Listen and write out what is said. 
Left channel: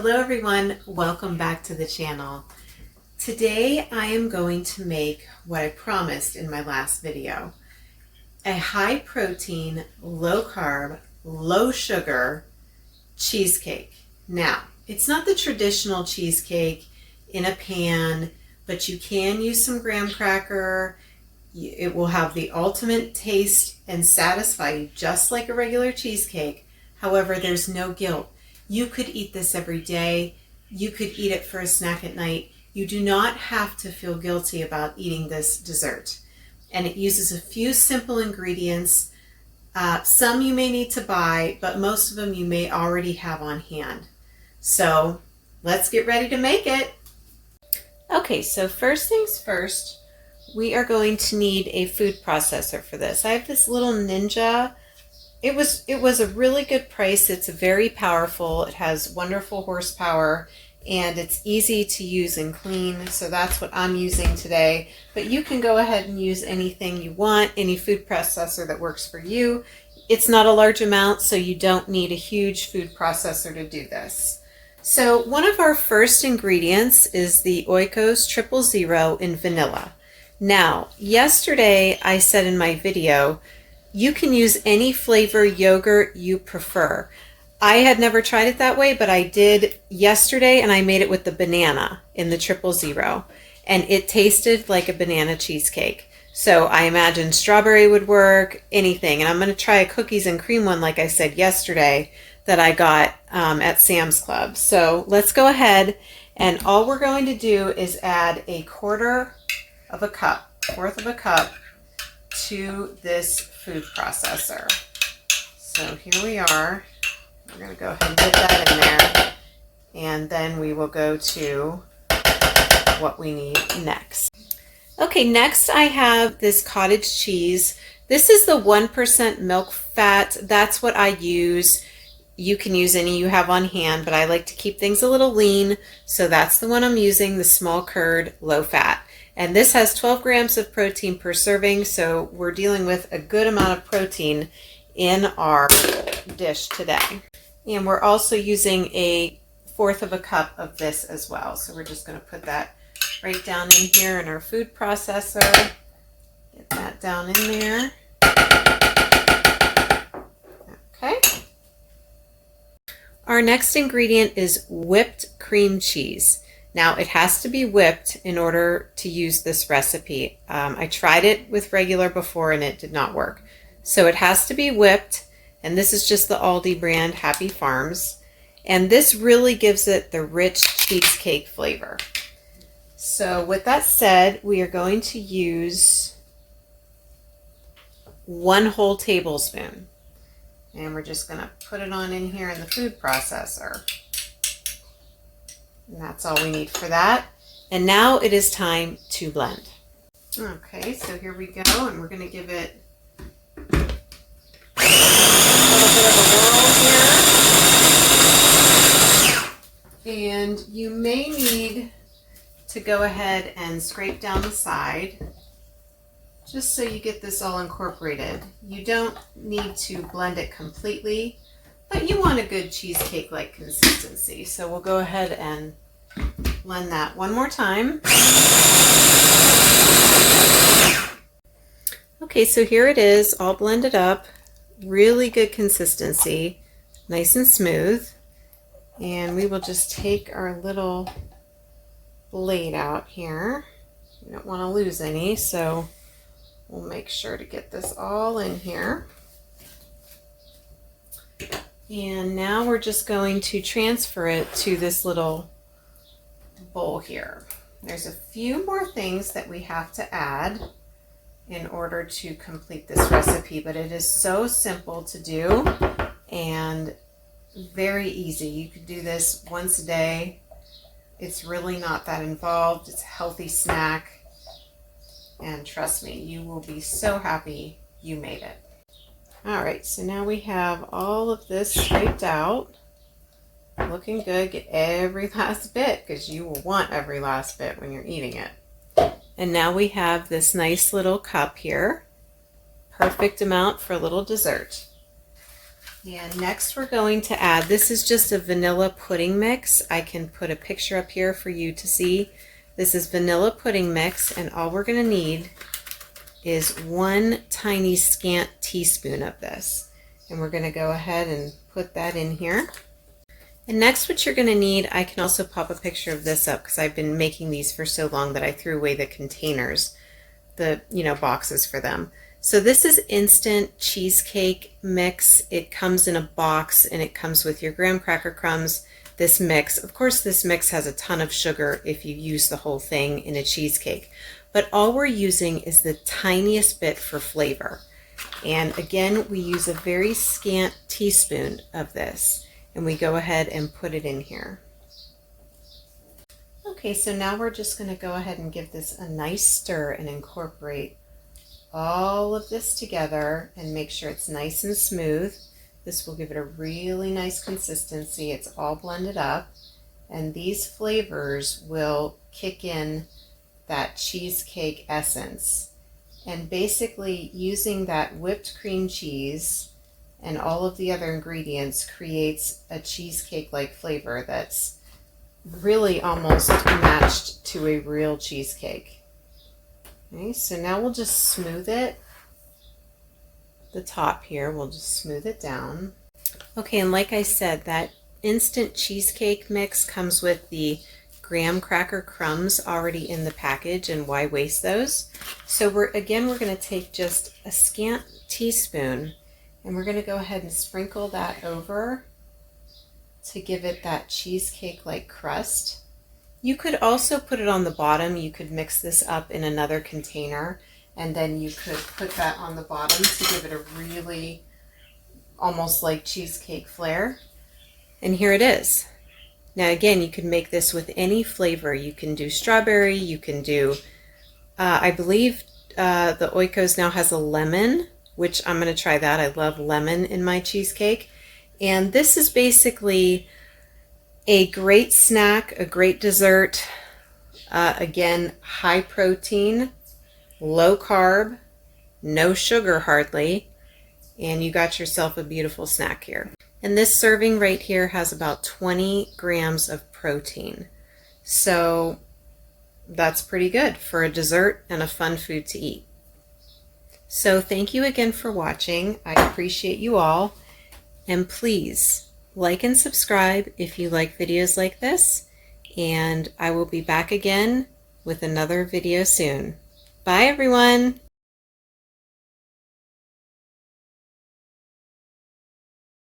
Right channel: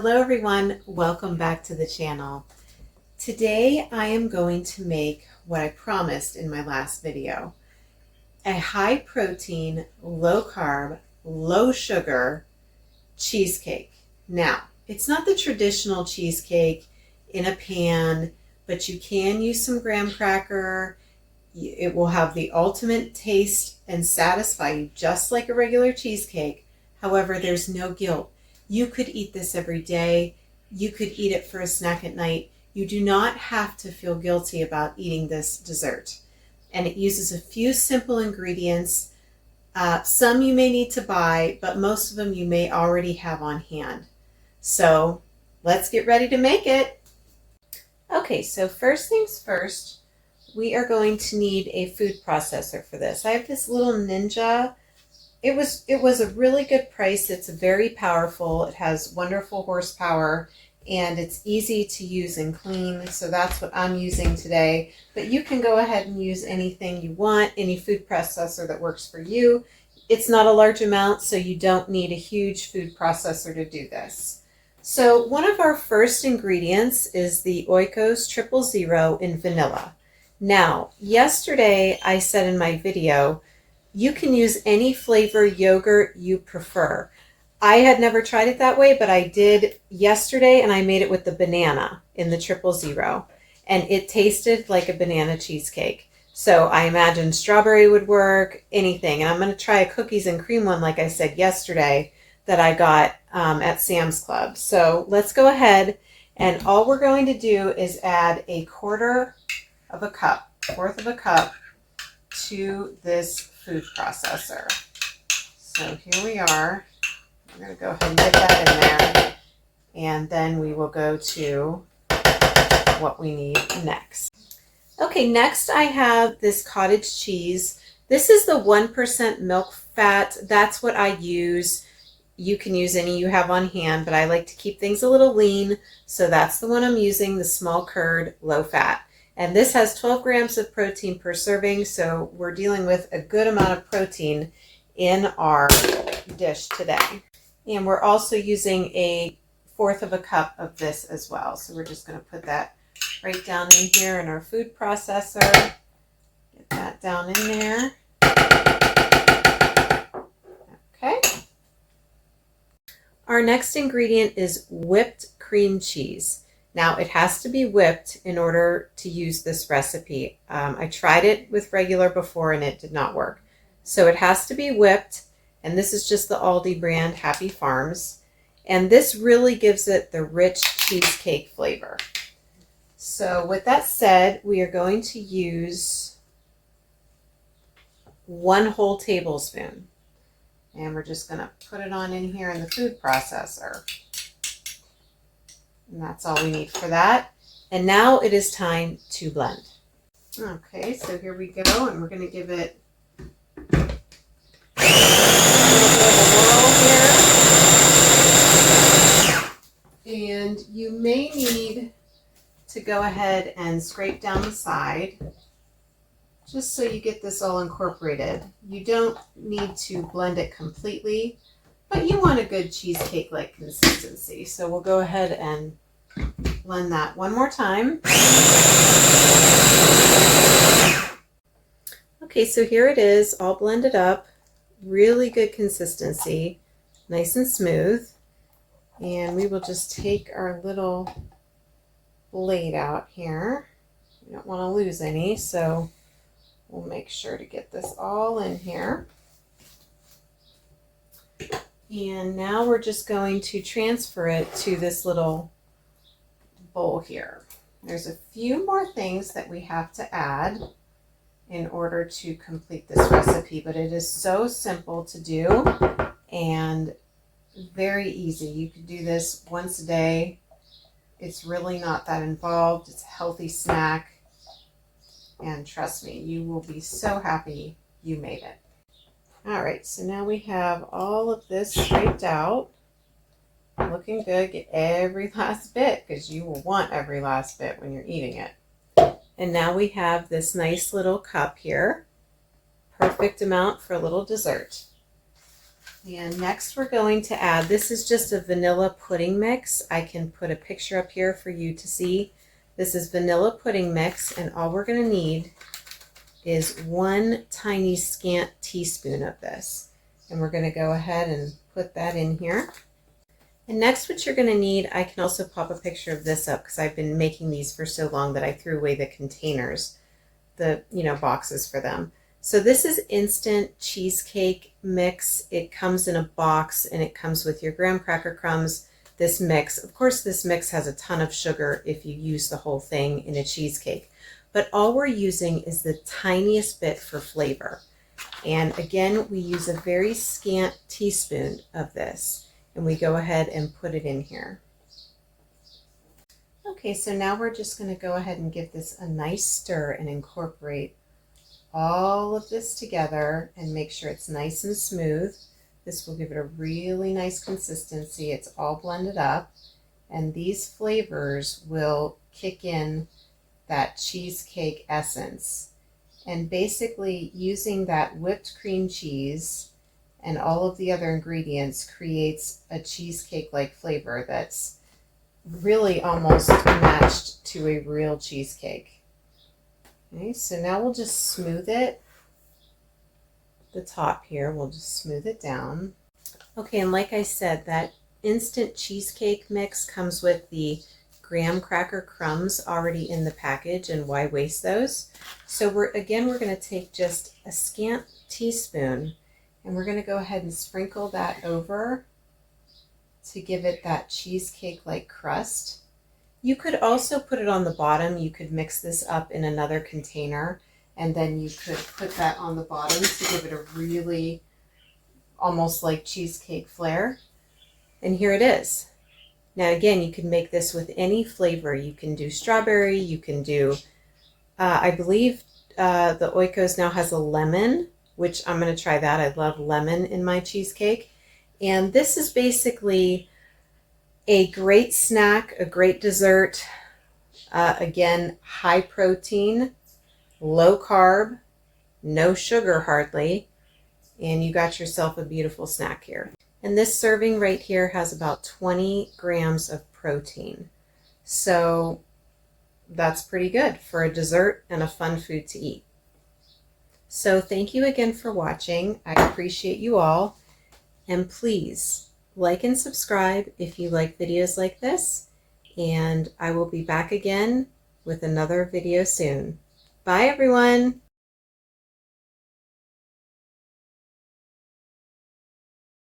Hello everyone, welcome back to the channel. Today I am going to make what I promised in my last video, a high protein, low carb, low sugar cheesecake. Now, it's not the traditional cheesecake in a pan, but you can use some graham cracker. It will have the ultimate taste and satisfy you just like a regular cheesecake. However, there's no guilt. You could eat this every day. You could eat it for a snack at night. You do not have to feel guilty about eating this dessert. And it uses a few simple ingredients. Some you may need to buy, but most of them you may already have on hand. So let's get ready to make it. Okay, so first things first, we are going to need a food processor for this. I have this little Ninja. It was a really good price. It's very powerful. It has wonderful horsepower and it's easy to use and clean. So that's what I'm using today. But you can go ahead and use anything you want, any food processor that works for you. It's not a large amount, so you don't need a huge food processor to do this. So one of our first ingredients is the Oikos 000 in vanilla. Now, yesterday I said in my video, you can use any flavor yogurt you prefer. I had never tried it that way, but I did yesterday and I made it with the banana in the 000 and it tasted like a banana cheesecake. So I imagine strawberry would work, anything. And I'm going to try a cookies and cream one like I said yesterday that I got at Sam's Club. So let's go ahead, and all we're going to do is add a fourth of a cup to this food processor. So here we are. We're going to go ahead and get that in there, and then we will go to what we need next. Okay, next I have this cottage cheese. This is the 1% milk fat. That's what I use. You can use any you have on hand, but I like to keep things a little lean, so that's the one I'm using, the small curd, low fat. And this has 12 grams of protein per serving, so we're dealing with a good amount of protein in our dish today. And we're also using a fourth of a cup of this as well. So we're just going to put that right down in here in our food processor. Get that down in there. Okay. Our next ingredient is whipped cream cheese. Now, it has to be whipped in order to use this recipe. I tried it with regular before and it did not work. So it has to be whipped, and this is just the Aldi brand, Happy Farms. And this really gives it the rich cheesecake flavor. So with that said, we are going to use 1 whole tablespoon. And we're just going to put it on in here in the food processor. And that's all we need for that. And now it is time to blend. Okay, so here we go, and we're going to give it a little bit of a roll here. And you may need to go ahead and scrape down the side just so you get this all incorporated. You don't need to blend it completely, but you want a good cheesecake-like consistency. So we'll go ahead and blend that one more time. Okay, so here it is, all blended up. Really good consistency, nice and smooth. And we will just take our little blade out here. We don't want to lose any, so we'll make sure to get this all in here. And now we're just going to transfer it to this little bowl here. There's a few more things that we have to add in order to complete this recipe, but it is so simple to do and very easy. You could do this once a day. It's really not that involved. It's a healthy snack, and trust me, you will be so happy you made it. All right, so now we have all of this scraped out. Looking good. Get every last bit, because you will want every last bit when you're eating it. And now we have this nice little cup here. Perfect amount for a little dessert. And next we're going to add, this is just a vanilla pudding mix. I can put a picture up here for you to see. This is vanilla pudding mix, and all we're going to need is 1 tiny scant teaspoon of this. And we're going to go ahead and put that in here. And next what you're going to need, I can also pop a picture of this up because I've been making these for so long that I threw away the containers, the boxes for them. So this is instant cheesecake mix. It comes in a box and it comes with your graham cracker crumbs. This mix, of course this mix has a ton of sugar if you use the whole thing in a cheesecake, but all we're using is the tiniest bit for flavor. And again, we use a very scant teaspoon of this, and we go ahead and put it in here. Okay, so now we're just going to go ahead and give this a nice stir and incorporate all of this together and make sure it's nice and smooth. This will give it a really nice consistency. It's all blended up, and these flavors will kick in that cheesecake essence. And basically using that whipped cream cheese and all of the other ingredients creates a cheesecake-like flavor that's really almost matched to a real cheesecake. Okay, so now we'll just smooth it. The top here, we'll just smooth it down. Okay, and like I said, that instant cheesecake mix comes with the graham cracker crumbs already in the package, and why waste those? So we're going to take just a scant teaspoon, and we're going to go ahead and sprinkle that over to give it that cheesecake-like crust. You could also put it on the bottom. You could mix this up in another container, and then you could put that on the bottom to give it a really almost like cheesecake flair. And here it is. Now again, you can make this with any flavor. You can do strawberry, you can do, I believe the Oikos now has a lemon, which I'm going to try that. I love lemon in my cheesecake. And this is basically a great snack, a great dessert. Again, high protein, low carb, no sugar hardly, and you got yourself a beautiful snack here. And this serving right here has about 20 grams of protein. So that's pretty good for a dessert and a fun food to eat. So thank you again for watching. I appreciate you all. And please like and subscribe if you like videos like this. And I will be back again with another video soon. Bye everyone.